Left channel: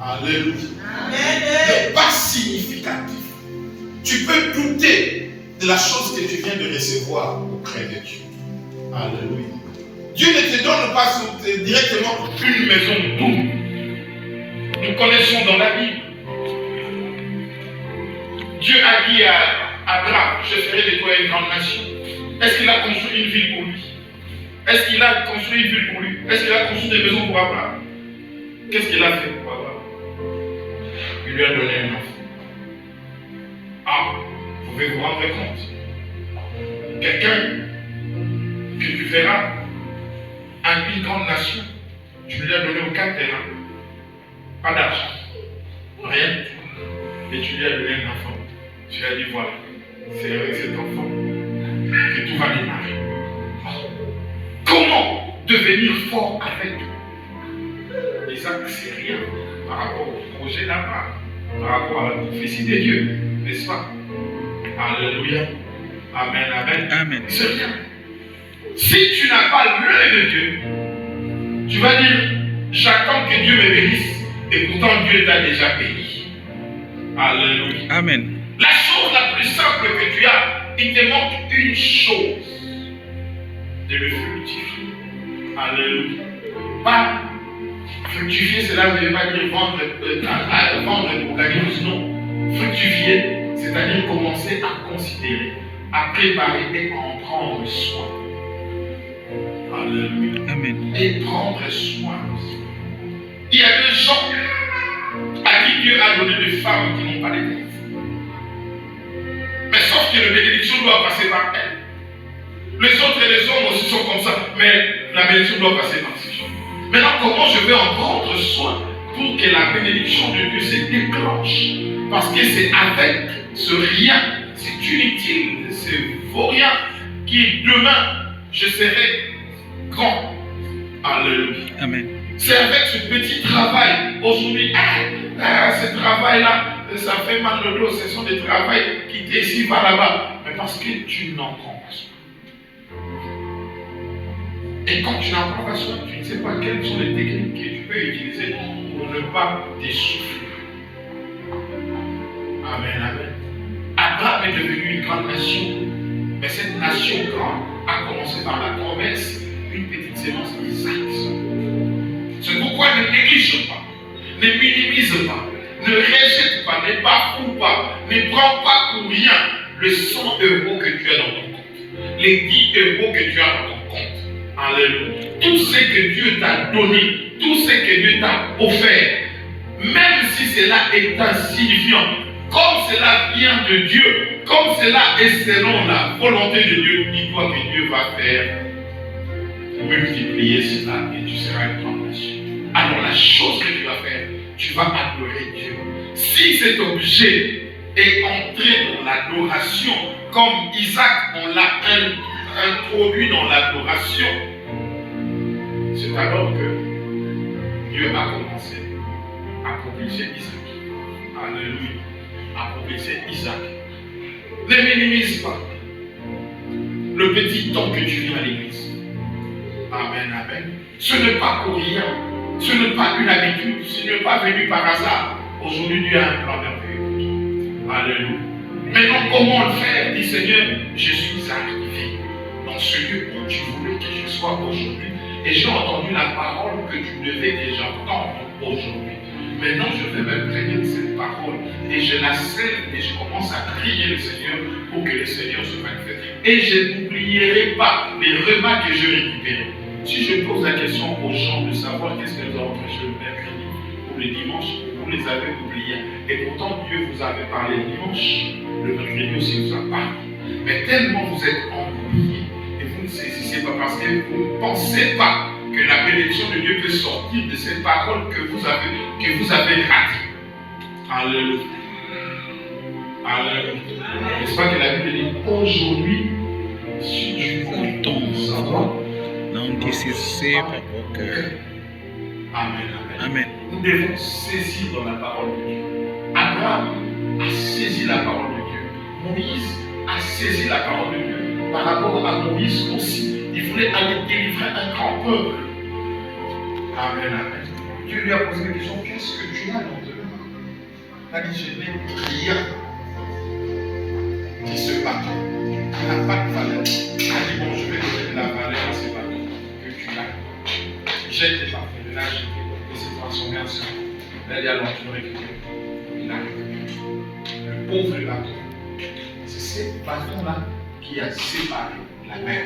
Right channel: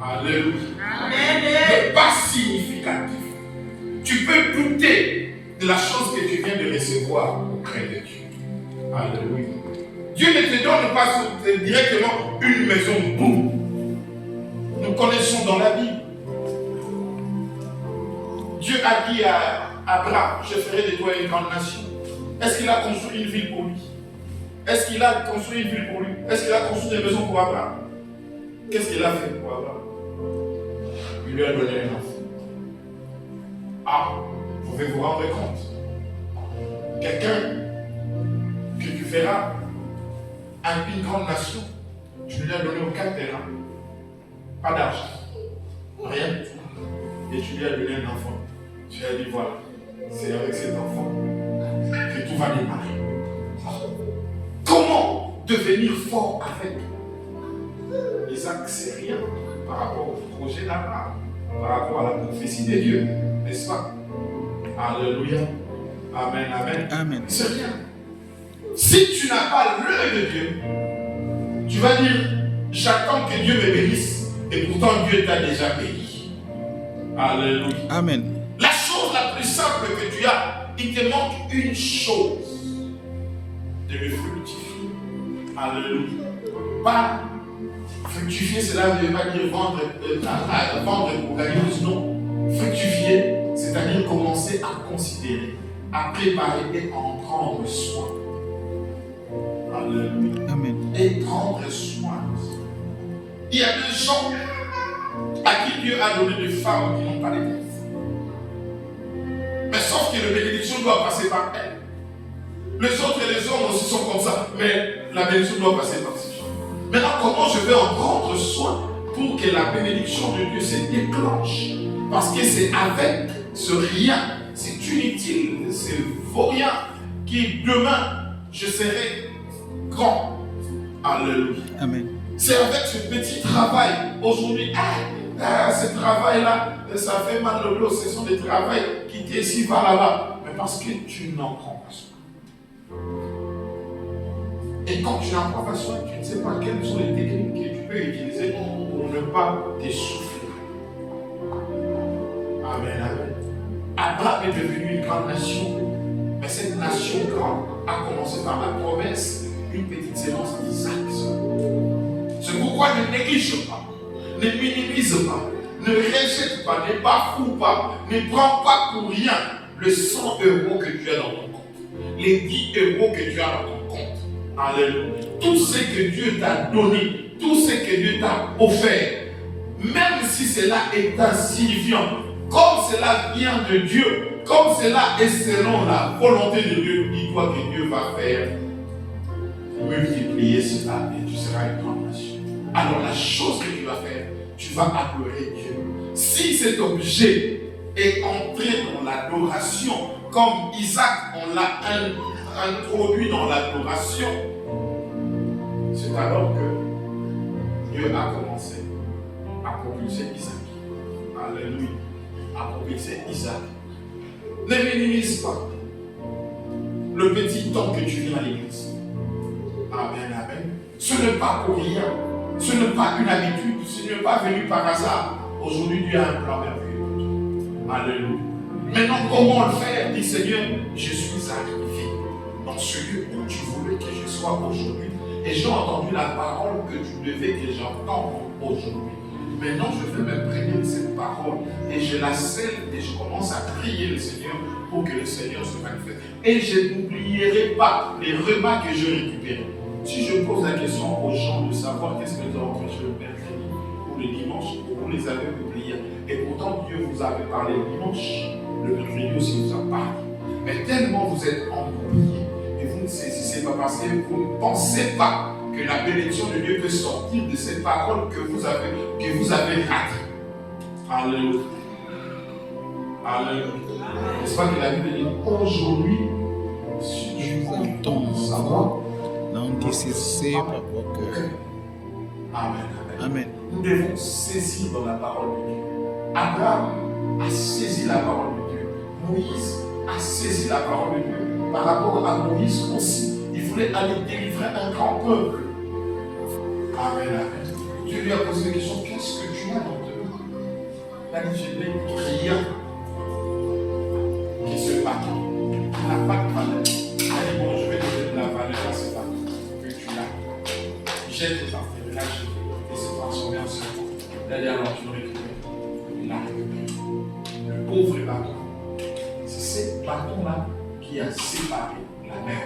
Alléluia. N'est pas significatif. Tu peux douter de la chose que tu viens de recevoir auprès de Dieu. Alléluia. Dieu ne te donne pas directement une maison boum. Nous connaissons dans la Bible. Dieu a dit à Abraham, je ferai de toi une grande nation. Est-ce qu'il a construit une ville pour lui? Est-ce qu'il a construit une ville pour lui? Est-ce qu'il a construit des maisons pour Abraham? Qu'est-ce qu'il a fait pour Abraham? Il lui a donné un enfant. Ah, vous pouvez vous rendre compte. Quelqu'un que tu feras à une grande nation, tu ne lui as donné aucun terrain, pas d'argent, rien du tout. Et tu lui as donné un enfant. Tu lui as dit voilà, c'est avec cet enfant que tout va démarrer. Comment devenir fort avec Isaac? C'est rien par rapport au projet d'Abraham, par rapport à la prophétie de Dieu, n'est-ce pas? Alléluia. Amen, amen. Amen. C'est rien. Si tu n'as pas l'œil de Dieu, tu vas dire j'attends que Dieu me bénisse, et pourtant Dieu t'a déjà béni. Alléluia. Amen. La chose la plus simple que tu as, il te manque une chose, de le fructifier. Alléluia. Pas fructifier, cela ne veut pas dire vendre pour gagner plus, non. Fructifier, c'est-à-dire commencer à considérer, à préparer et à en prendre soin. Alléluia. Amen. Et prendre soin. Il y a des gens à qui Dieu a donné des femmes qui n'ont pas d'époux. Mais sauf que la bénédiction doit passer par elles. Les autres et les hommes aussi sont comme ça, mais la bénédiction doit passer par ces gens. Maintenant, comment je vais en prendre soin pour que la bénédiction de Dieu se déclenche? Parce que c'est avec ce rien, c'est inutile, c'est vaurien, qui demain, je serai grand. Alléluia. Amen. C'est avec ce petit travail, aujourd'hui, ce travail-là, ça fait mal le dos, ce sont des travails qui ici, va là-bas. Mais parce que tu n'en prends pas soin. Et quand tu n'en prends pas soin, tu ne sais pas quelles sont les techniques que tu peux utiliser pour ne pas t'essouffler. Amen, amen. Abraham est devenu une grande nation. Mais cette nation grande a commencé par la promesse, une petite sémence d'Isaac. C'est pourquoi ne néglige pas, ne minimise pas, ne rejette pas, ne bafoue pas, ne prends pas pour rien le 100 € que tu as dans ton compte, les 10 € que tu as dans ton compte. Alléluia. Tout ce que Dieu t'a donné, tout ce que Dieu t'a offert, même si cela est insignifiant, comme cela vient de Dieu, comme cela est selon la volonté de Dieu, dis-toi que Dieu va faire multiplier cela et tu seras une grande nation. Alors la chose que tu vas faire, tu vas adorer Dieu. Si cet objet est entré dans l'adoration, comme Isaac, on l'a introduit dans l'adoration, c'est alors que Dieu a commencé à propulser Isaac. Alléluia. À propulser Isaac. Ne minimise pas le petit temps que tu viens à l'église. Amen, amen. Ce n'est pas pour rien. Ce n'est pas une habitude. Ce n'est pas venu par hasard. Aujourd'hui, Dieu a un plan merveilleux. Alléluia. Maintenant, comment le faire? Dis Seigneur, je suis arrivé dans ce lieu où tu voulais que je sois aujourd'hui. Et j'ai entendu la parole que tu devais que j'entende aujourd'hui. Maintenant, je vais m'imprégner de cette parole. Et je la scelle et je commence à prier le Seigneur pour que le Seigneur se manifeste. Et je n'oublierai pas les repas que j'ai récupérés. Si je pose la question aux gens de savoir qu'est-ce que nous avons prêché le mercredi ou le dimanche, vous les avez oubliés. Et pourtant, Dieu vous avait parlé le dimanche, le mercredi aussi vous a parlé. Mais tellement vous êtes embrouillés et vous ne saisissez pas parce que vous ne pensez pas que la bénédiction de Dieu peut sortir de cette parole que vous avez ratée. Alléluia. Alléluia. N'est-ce pas que la Bible dit aujourd'hui, si tu entends savoir, non décisif pour que. Amen, amen. Amen. Nous devons saisir dans la parole de Dieu. Abraham a saisi la parole de Dieu. Moïse a saisi la parole de Dieu. Par rapport à Moïse aussi, il voulait aller délivrer un grand peuple. Amen, amen. Dieu lui a posé la question, qu'est-ce que tu as dans Il a dit, je n'ai rien. Et ce bateau, qui n'a pas de valeur, il a dit, bon, je vais donner de la valeur à ce bateau que tu as. Jette tes parfums, de là, jeté, et s'est transformé en sang. Il a dit, alors tu le récupères. Il a récupéré. Le pauvre bateau. C'est ce bâton-là qui a séparé la mer.